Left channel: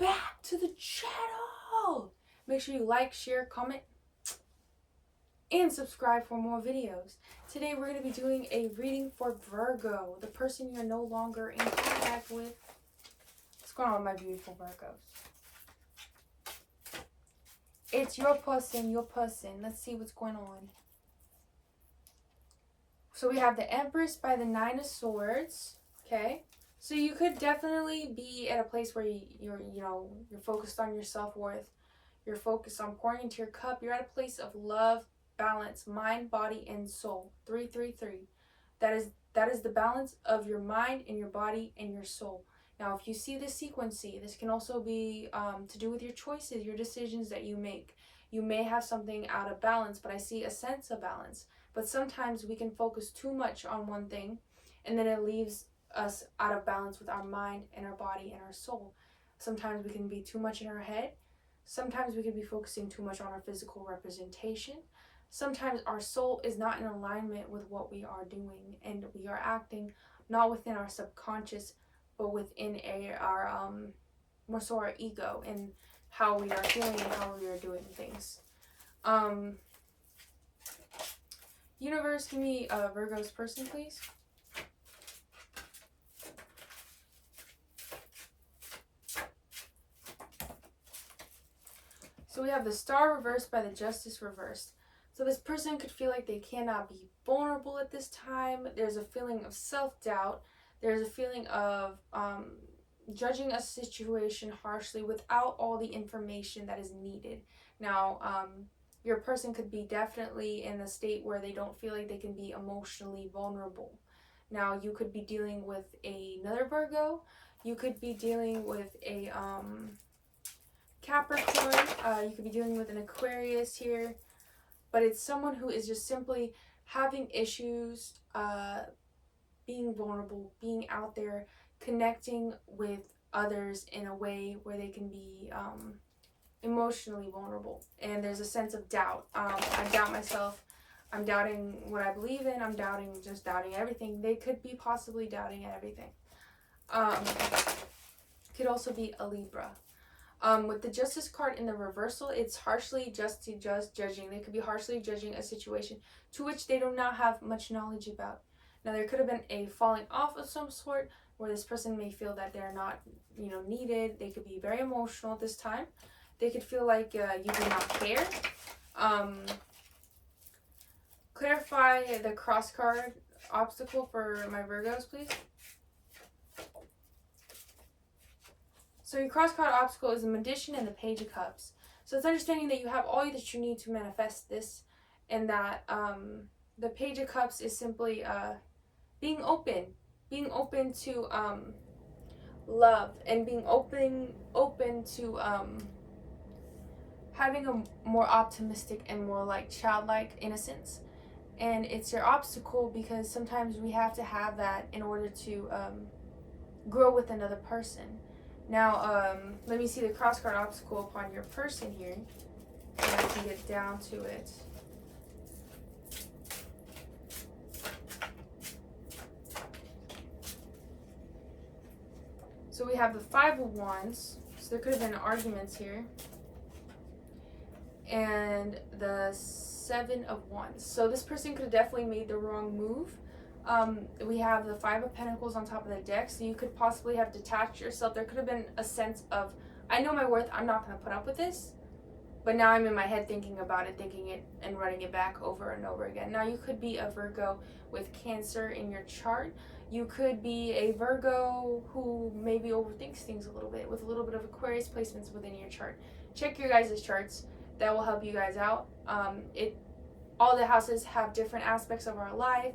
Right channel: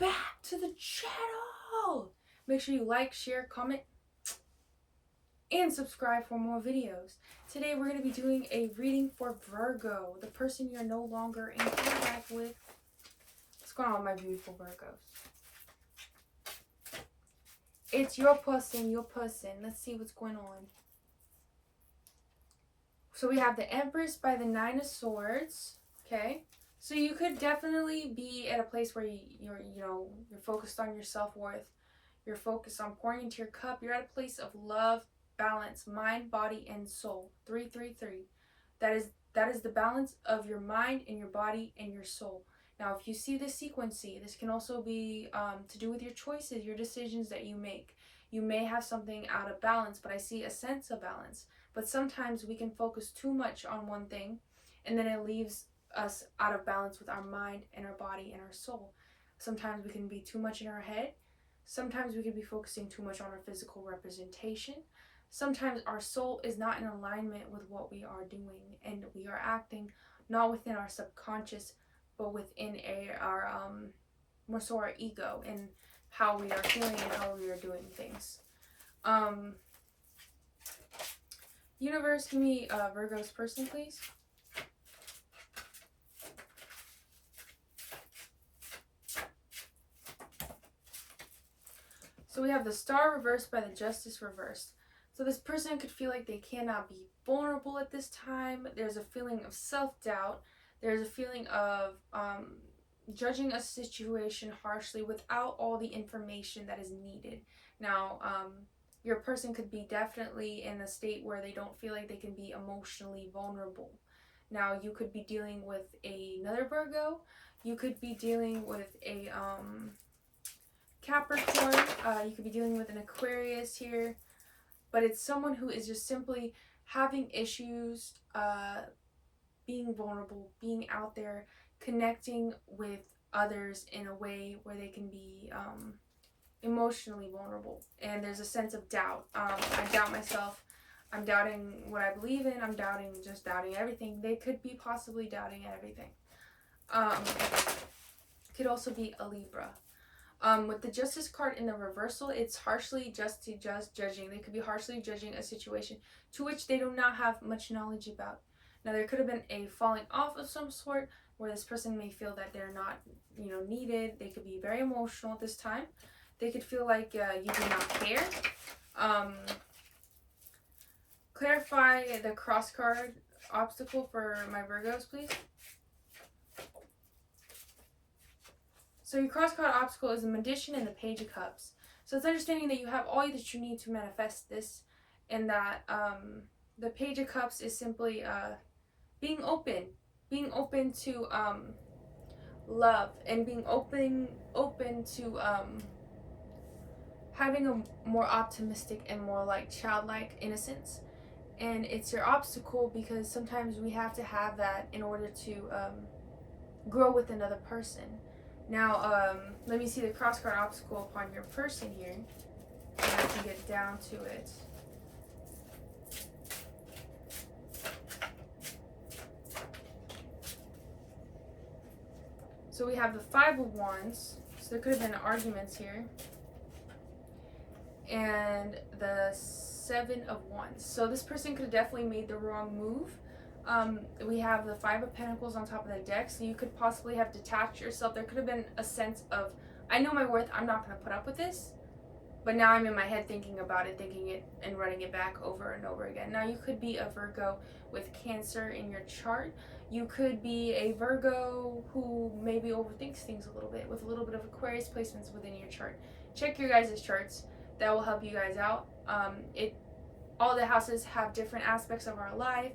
back to the channel. Make sure you like, share, comment, and subscribe for more videos. Today we're going to be doing a reading for Virgo, the person you're no longer in contact with. What's going on with my beautiful Virgos? It's your person, your person. Let's see what's going on. So we have the Empress by the Nine of Swords. Okay. So you could definitely be at a place where you're focused on your self-worth. You're focused on pouring into your cup. You're at a place of love, balance, mind, body, and soul. 333. That is the balance of your mind and your body and your soul. Now, if you see this sequencing, this can also be to do with your choices, your decisions that you make. You may have something out of balance, but I see a sense of balance. But sometimes we can focus too much on one thing, and then it leaves us out of balance with our mind and our body and our soul. Sometimes we can be too much in our head. Sometimes we can be focusing too much on our physical representation. Sometimes our soul is not in alignment with what we are doing, and we are acting not within our subconscious, but within more so our ego and how we are feeling and how we are doing things. Universe, give me Virgo's person, please. So we have the Star reversed by the Justice reversed. So this person could feel like they cannot be vulnerable at this time. There's a feeling of self-doubt. There's a feeling of judging a situation harshly without all the information that is needed. Now, your person could be definitely in a state where they don't feel like they can be emotionally vulnerable. Now, you could be dealing with another Virgo. You could be dealing with a Capricorn. You could be dealing with an Aquarius here. But it's someone who is just simply having issues, being vulnerable, being out there, connecting with others in a way where they can be emotionally vulnerable. And there's a sense of doubt. I doubt myself. I'm doubting what I believe in. I'm doubting everything. They could be possibly doubting everything. Could also be a Libra. With the Justice card in the reversal, it's harshly judging. They could be harshly judging a situation to which they do not have much knowledge about. Now, there could have been a falling off of some sort where this person may feel that they're not, needed. They could be very emotional at this time. They could feel like you do not care. Clarify the cross card obstacle for my Virgos, please. So your cross card obstacle is the Magician and the Page of Cups. So it's understanding that you have all that you need to manifest this, and that the Page of Cups is simply being open to love, and being open to having a more optimistic and more like childlike innocence. And it's your obstacle because sometimes we have to have that in order to grow with another person. Now, let me see the cross card obstacle upon your person here, and I can get down to it. So we have the Five of Wands, so there could have been arguments here, and the Seven of Wands. So this person could have definitely made the wrong move. We have the Five of Pentacles on top of the deck, so you could possibly have detached yourself. There could have been a sense of, I know my worth, I'm not going to put up with this, but now I'm in my head thinking about it, thinking it, and running it back over and over again. Now, you could be a Virgo with Cancer in your chart. You could be a Virgo who maybe overthinks things a little bit, with a little bit of Aquarius placements within your chart. Check your guys' charts. That will help you guys out. All the houses have different aspects of our life.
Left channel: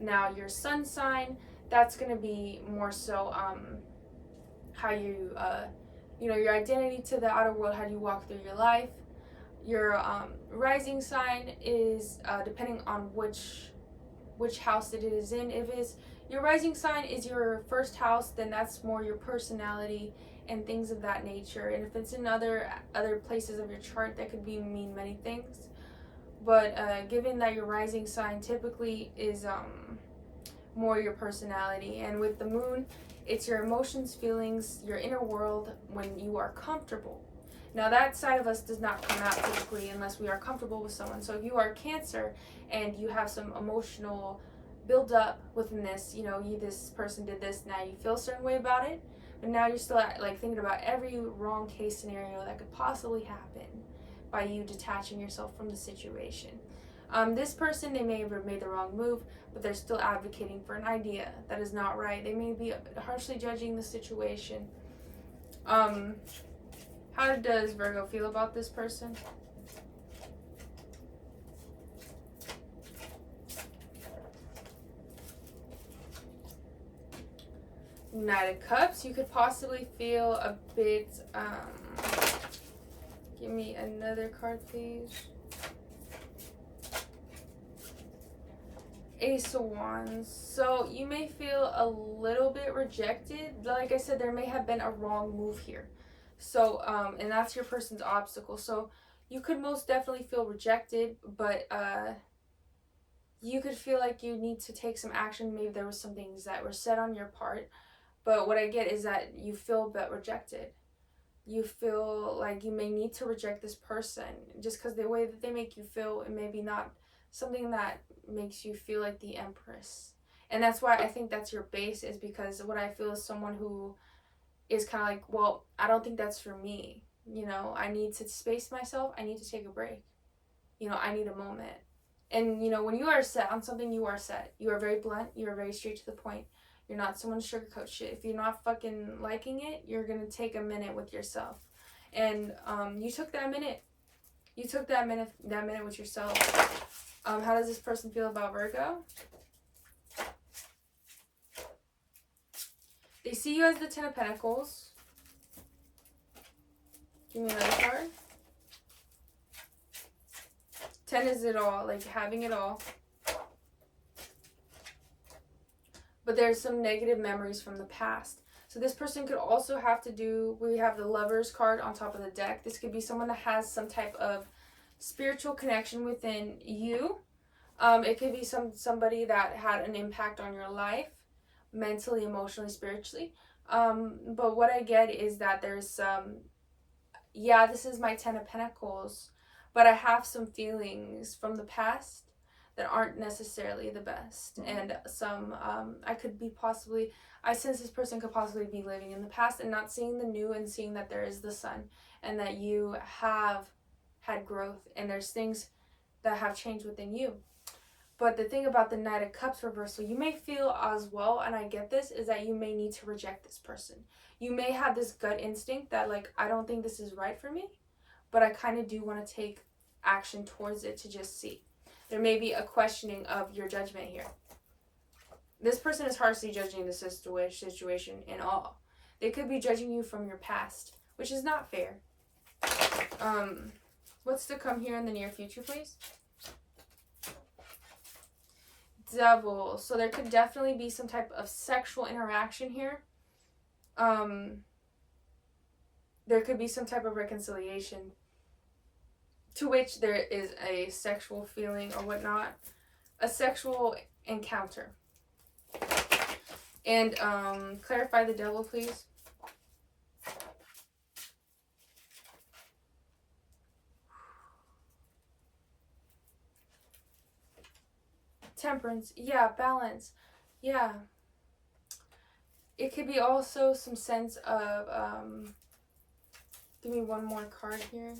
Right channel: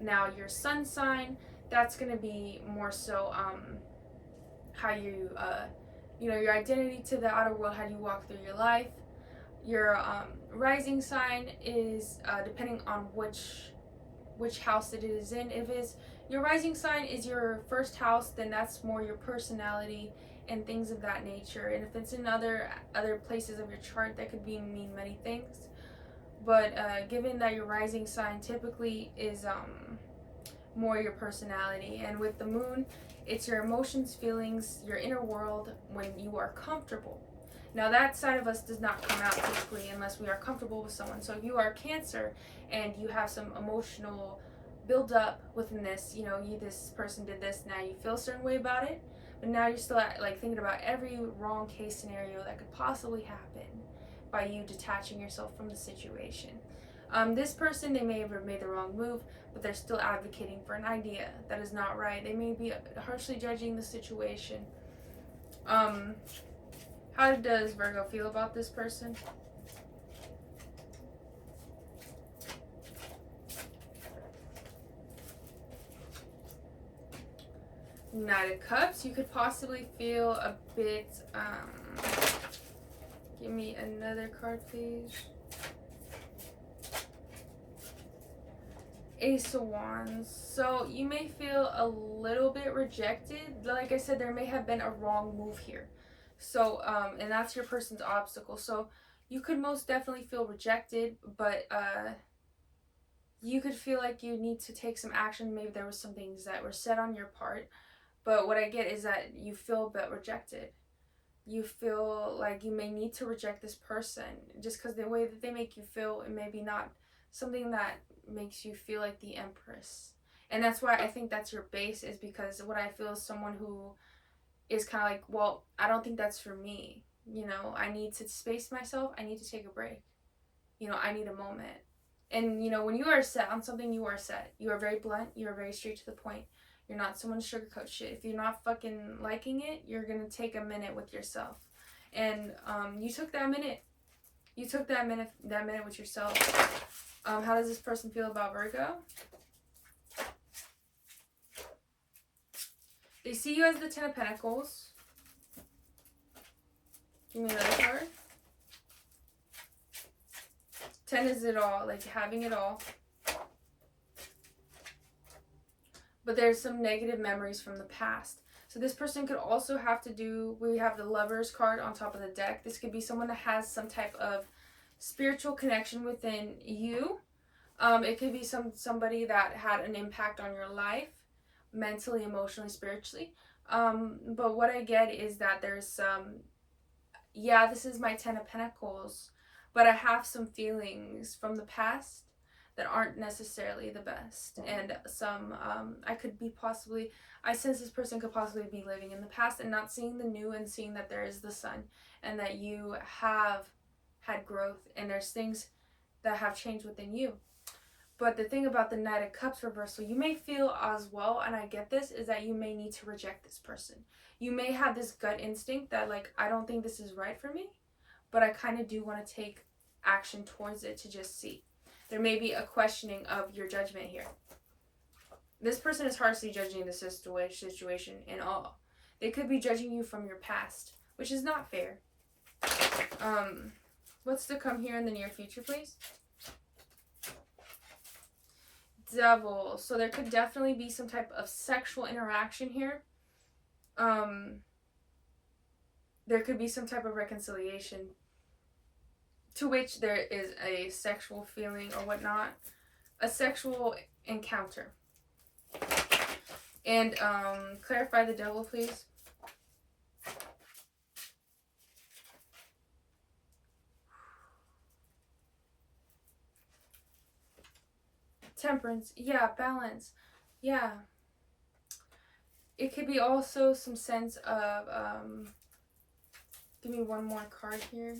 Now, your sun sign, that's going to be more so how you, your identity to the outer world, how you walk through your life. Your rising sign is depending on which house it is in. If your rising sign is your first house, then that's more your personality and things of that nature. And if it's in other places of your chart, that could mean many things. But given that your rising sign typically is more your personality, and with the moon, It's your emotions, feelings, your inner world when you are comfortable. Now that side of us does not come out typically unless we are comfortable with someone. So if you are Cancer and you have some emotional build up within this, you know, this person did this, now you feel a certain way about it, but now you're still like thinking about every wrong case scenario that could possibly happen by you detaching yourself from the situation. This person, they may have made the wrong move, but they're still advocating for an idea that is not right. They may be harshly judging the situation. How does Virgo feel about this person? Knight of Cups, you could possibly feel a bit, give me another card, please. Ace of Wands. So you may feel a little bit rejected. Like I said, there may have been a wrong move here. So, and that's your person's obstacle. So you could most definitely feel rejected, but you could feel like you need to take some action. Maybe there was some things that were said on your part. But what I get is that you feel a bit rejected. You feel like you may need to reject this person just because the way that they make you feel, it may be not something that makes you feel like the Empress. And that's why I think that's your base, is because what I feel is someone who is kind of like, well, I don't think that's for me. You know, I need to space myself. I need to take a break. You know, I need a moment. And, you know, when you are set on something, you are set. You are very blunt. You are very straight to the point. You're not someone to sugarcoat shit. If you're not fucking liking it, you're going to take a minute with yourself. And you took that minute. You took that minute with yourself. How does this person feel about Virgo? They see you as the Ten of Pentacles. Give me another card. 10 is it all, like having it all. But there's some negative memories from the past. So this person could also have to do, we have the Lovers card on top of the deck. This could be someone that has some type of spiritual connection within you. It could be somebody that had an impact on your life, mentally, emotionally, spiritually. But what I get is that there's some, yeah, this is my 10 of Pentacles, but I have some feelings from the past that aren't necessarily the best. And some, I sense this person could possibly be living in the past and not seeing the new and seeing that there is the sun and that you have had growth and there's things that have changed within you. But the thing about the Knight of Cups reversal, you may feel as well, and I get this, is that you may need to reject this person. You may have this gut instinct that, like, I don't think this is right for me, but I kind of do want to take action towards it to just see. There may be a questioning of your judgment here. This person is harshly judging the situation in all. They could be judging you from your past, which is not fair. What's to come here in the near future, please? Devil. So there could definitely be some type of sexual interaction here. There could be some type of reconciliation to which there is a sexual feeling or whatnot. A sexual encounter. And clarify the devil, please. Temperance. Yeah, balance. Yeah. It could be also some sense of, give me one more card here.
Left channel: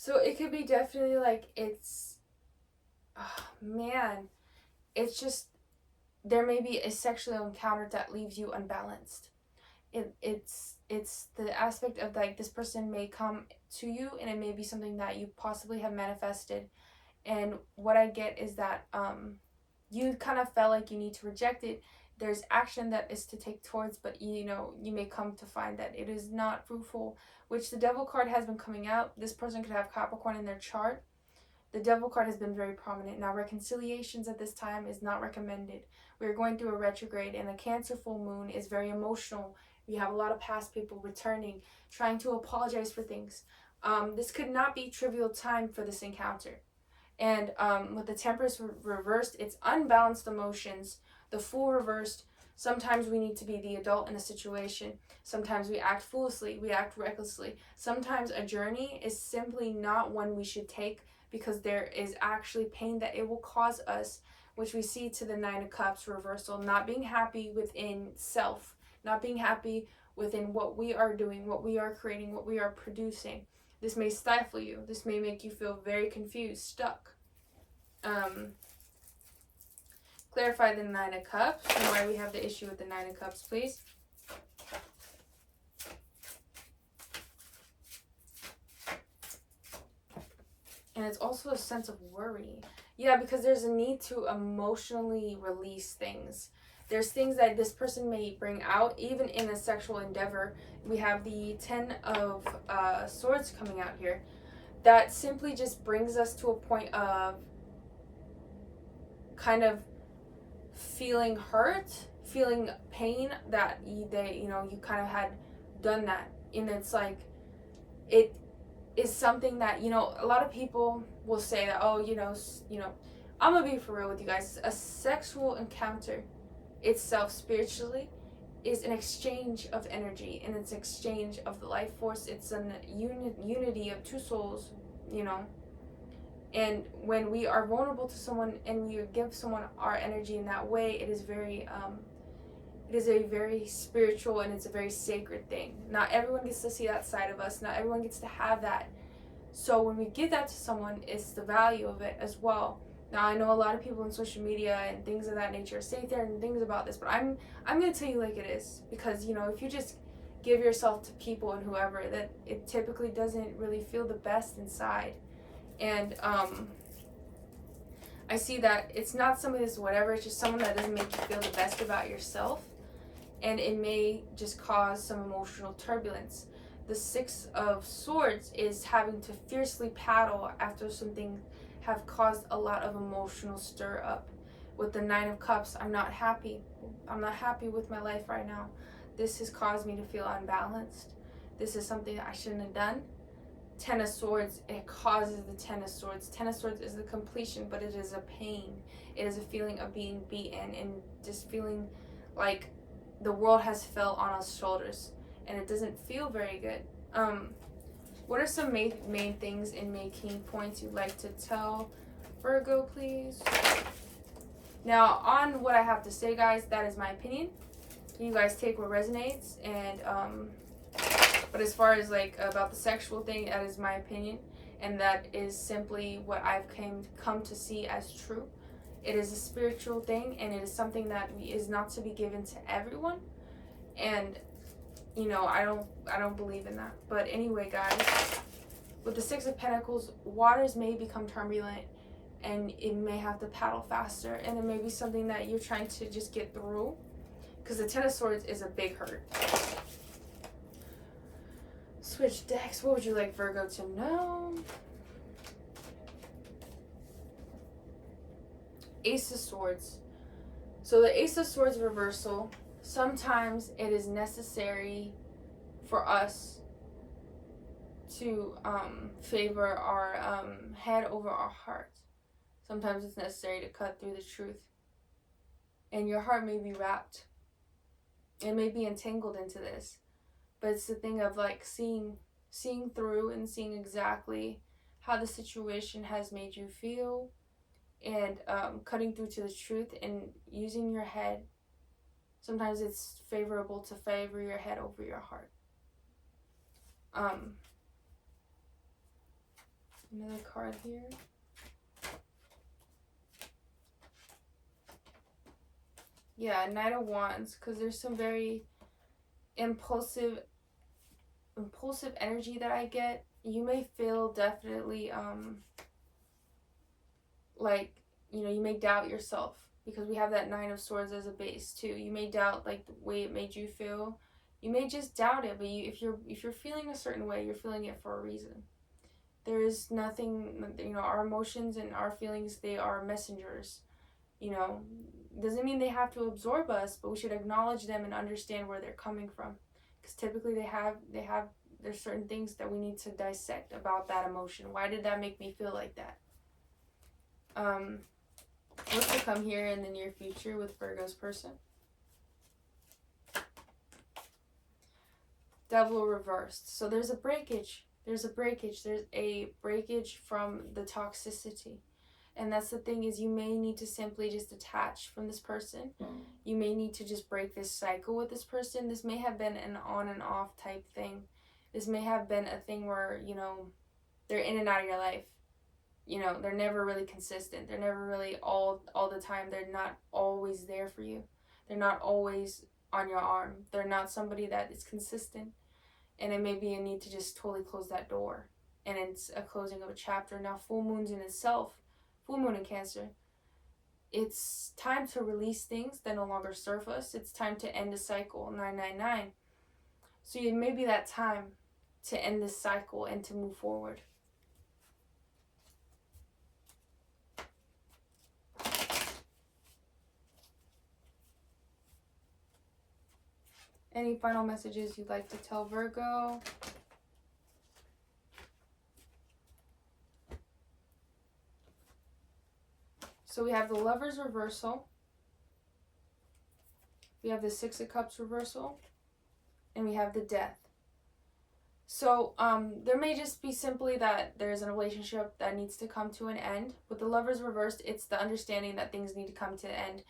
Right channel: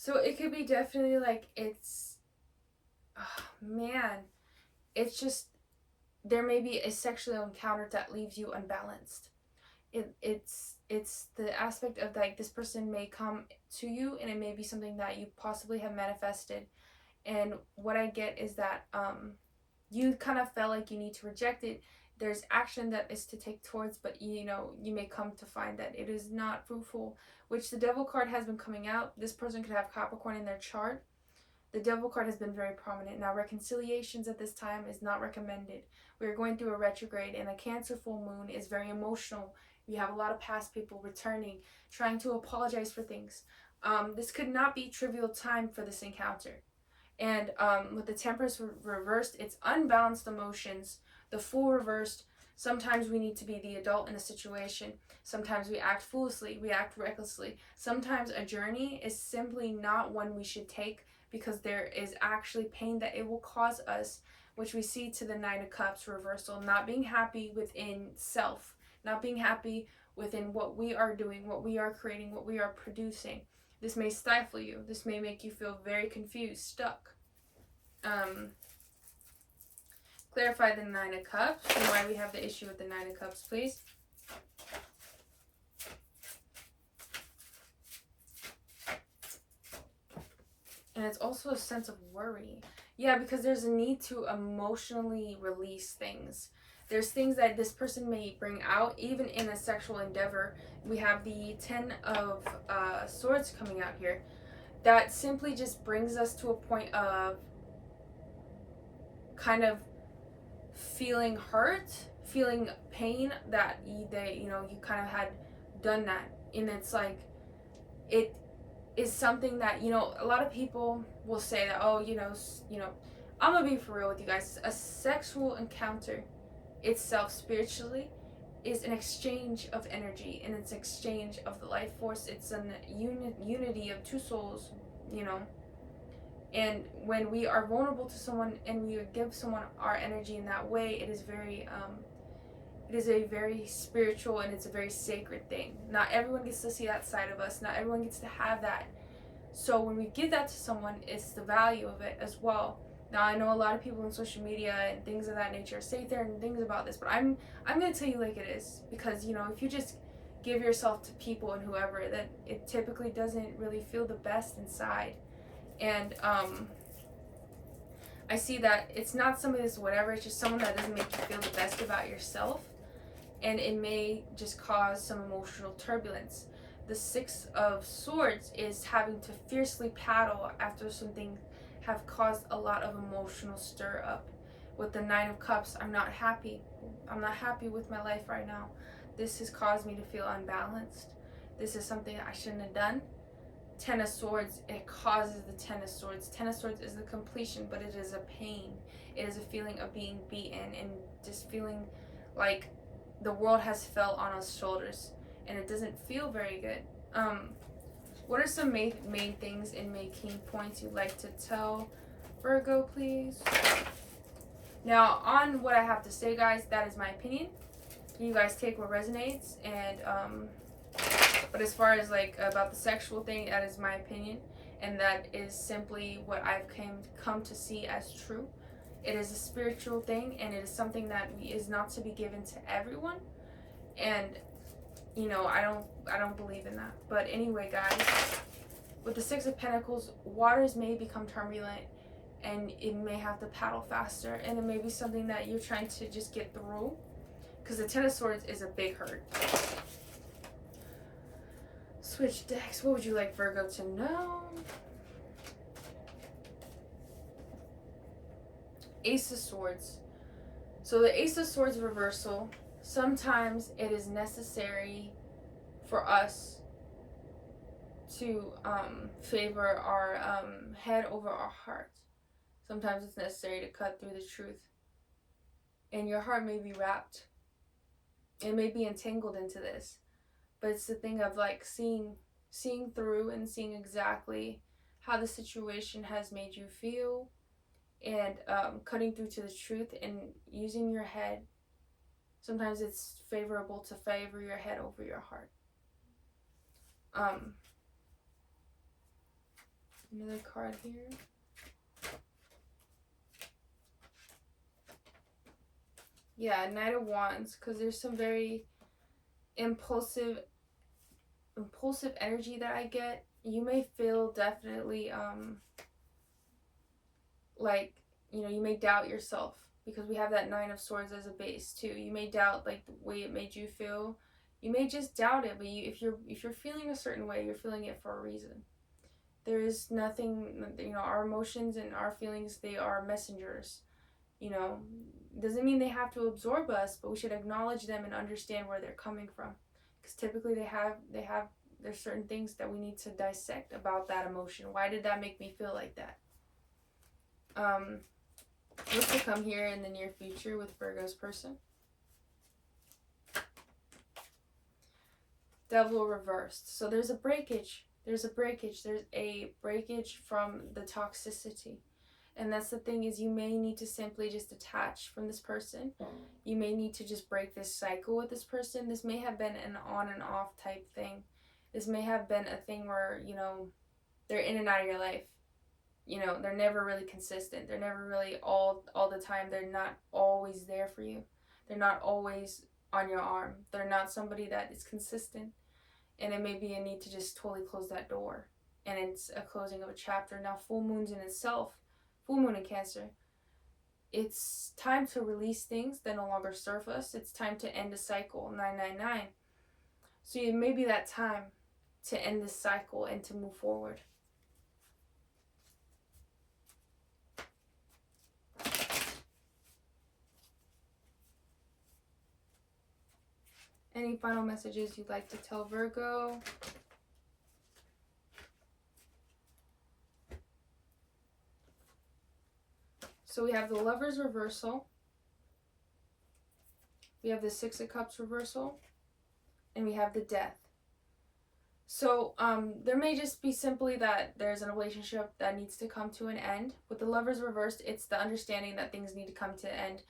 So it could be definitely like it's, oh, man, it's just, there may be a sexual encounter that leaves you unbalanced. It's the aspect of like this person may come to you and it may be something that you possibly have manifested. And what I get is that you kind of felt like you need to reject it. There's action that is to take towards, but you know, you may come to find that it is not fruitful, which the Devil card has been coming out. This person could have Capricorn in their chart. The Devil card has been very prominent. Now, reconciliations at this time is not recommended. We're going through a retrograde, and a Cancer full moon is very emotional. You have a lot of past people returning, trying to apologize for things. This could not be trivial time for this encounter. And with the Temperance reversed, it's unbalanced emotions. The Fool reversed, sometimes we need to be the adult in a situation. Sometimes we act foolishly, we act recklessly. Sometimes a journey is simply not one we should take because there is actually pain that it will cause us, which we see to the Nine of Cups reversal. Not being happy within self, not being happy within what we are doing, what we are creating, what we are producing. This may stifle you. This may make you feel very confused, stuck. Clarify the Nine of Cups and why we have the issue with the Nine of Cups, please. And it's also a sense of worry. Yeah, because there's a need to emotionally release things. There's things that this person may bring out, even in a sexual endeavor. We have the Ten of Swords coming out here. That simply just brings us to a point of kind of feeling hurt, feeling pain that you kind of had done that. And it's like, it is something that, a lot of people will say that, oh, I'm gonna be for real with you guys. A sexual encounter itself spiritually is an exchange of energy, and it's an exchange of the life force. It's an unity of two souls, and when we are vulnerable to someone and we give someone our energy in that way, it is a very spiritual, and it's a very sacred thing. Not everyone gets to see that side of us. Not everyone gets to have that. So when we give that to someone, it's the value of it as well. Now, I know a lot of people on social media and things of that nature say certain things about this, but I'm going to tell you like it is. Because, if you just give yourself to people and whoever, that it typically doesn't really feel the best inside. And I see that it's not somebody that's whatever, it's just someone that doesn't make you feel the best about yourself. And it may just cause some emotional turbulence. The Six of Swords is having to fiercely paddle after something have caused a lot of emotional stir up. With the Nine of Cups, I'm not happy. I'm not happy with my life right now. This has caused me to feel unbalanced. This is something that I shouldn't have done. Ten of Swords, it causes the Ten of Swords. Ten of Swords is the completion, but it is a pain. It is a feeling of being beaten and just feeling like the world has fell on us shoulders, and it doesn't feel very good. What are some main things and main key points you'd like to tell Virgo, please? Now, on what I have to say, guys, that is my opinion. You guys take what resonates, and but as far as about the sexual thing, that is my opinion, and that is simply what I've come to see as true. It is a spiritual thing, and it is something that is not to be given to everyone. And I don't believe in that. But anyway, guys, with the Six of Pentacles, waters may become turbulent, and it may have to paddle faster, and it may be something that you're trying to just get through, because the Ten of Swords is a big hurt. Switch decks. What would you like Virgo to know? Ace of Swords. So the Ace of Swords reversal, sometimes it is necessary for us to favor our head over our heart. Sometimes it's necessary to cut through the truth. And your heart may be wrapped. It may be entangled into this. But it's the thing of seeing through and seeing exactly how the situation has made you feel, and cutting through to the truth and using your head. Sometimes it's favorable to favor your head over your heart. Another card here. Yeah, Knight of Wands, because there's some very impulsive energy that I get. You may feel definitely you may doubt yourself, because we have that Nine of Swords as a base too. You may doubt the way it made you feel. You may just doubt it, but if you're feeling a certain way, you're feeling it for a reason. There is nothing, our emotions and our feelings, they are messengers. Doesn't mean they have to absorb us, but we should acknowledge them and understand where they're coming from. Because typically there's certain things that we need to dissect about that emotion. Why did that make me feel like that? What's to come here in the near future with Virgo's person? Devil reversed. So there's a breakage. There's a breakage from the toxicity. And that's the thing, is you may need to simply just detach from this person. You may need to just break this cycle with this person. This may have been an on and off type thing. This may have been a thing where, they're in and out of your life. They're never really consistent. They're never really all the time. They're not always there for you. They're not always on your arm. They're not somebody that is consistent. And it may be a need to just totally close that door. And it's a closing of a chapter. Now, full moons in itself, full moon in Cancer, it's time to release things that no longer serve us. It's time to end a cycle, 999. So it may be that time to end this cycle and to move forward. Any final messages you'd like to tell Virgo? So we have the Lovers reversal. We have the Six of Cups reversal. And we have the Death. So there may just be simply that there's a relationship that needs to come to an end. With the Lovers reversed, it's the understanding that things need to come to an end.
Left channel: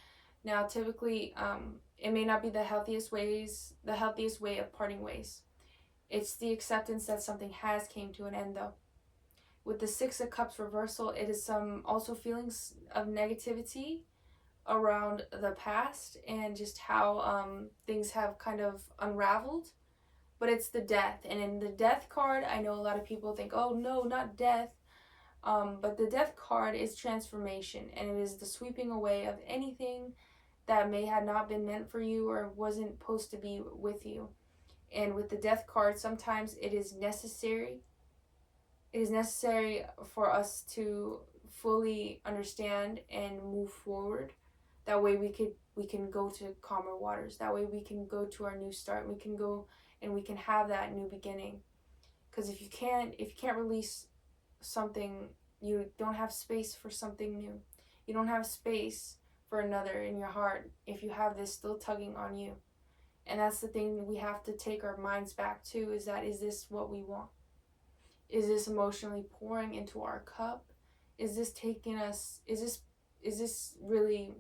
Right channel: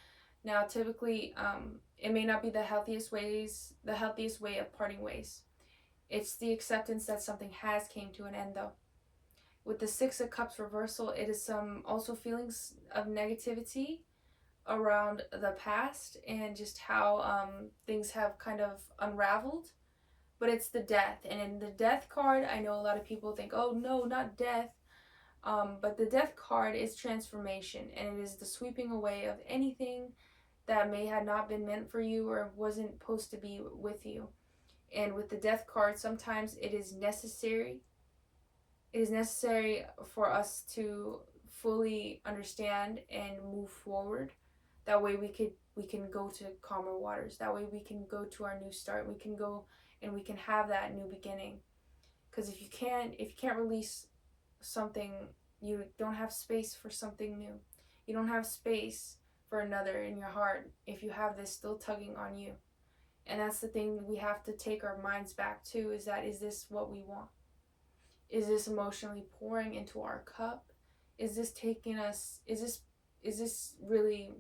Now, typically, it may not be the healthiest way of parting ways. It's the acceptance that something has came to an end, though. With the Six of Cups reversal, it is some also feelings of negativity around the past and just how things have kind of unraveled. But it's the Death. And in the Death card, I know a lot of people think, oh no, not death. But the Death card is transformation. And it is the sweeping away of anything that may have not been meant for you or wasn't supposed to be with you. And with the Death card, sometimes it is necessary. It is necessary for us to fully understand and move forward. That way we can go to calmer waters. That way we can go to our new start. We can go and we can have that new beginning. Because if you can't release something, you don't have space for something new. You don't have space for another in your heart if you have this still tugging on you. And that's the thing we have to take our minds back to, is this what we want? Is this emotionally pouring into our cup? Is this taking us, is this really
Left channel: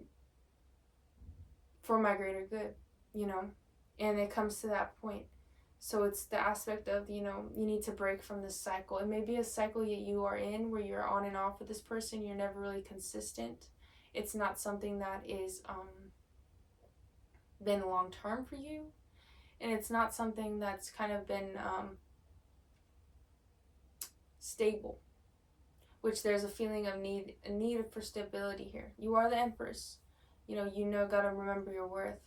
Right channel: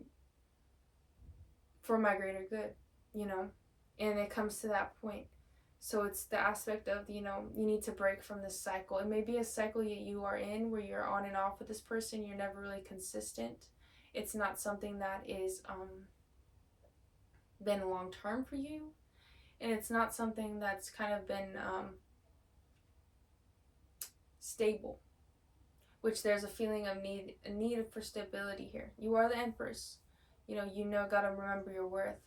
for my greater good, And it comes to that point. So it's the aspect of, you need to break from this cycle. It may be a cycle that you are in where you're on and off with this person. You're never really consistent. It's not something that is been long term for you. And it's not something that's kind of been stable. Which there's a feeling of need for stability here. You are the Empress. Gotta remember your worth.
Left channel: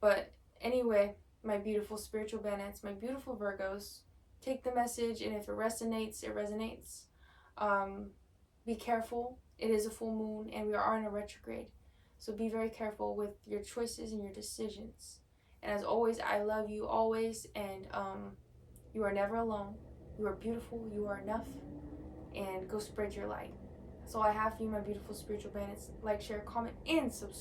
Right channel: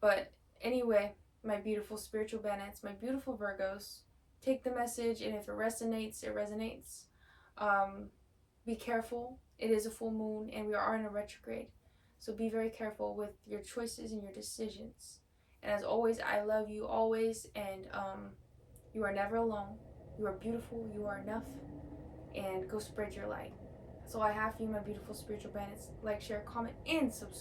But anyway, my beautiful spiritual bandits, my beautiful Virgos, take the message, and if it resonates, it resonates. Be careful. It is a full moon, and we are in a retrograde. So be very careful with your choices and your decisions. And as always, I love you always, and you are never alone. You are beautiful. You are enough. And go spread your light. That's all I have for you, my beautiful spiritual bandits. Like, share, comment, and subscribe.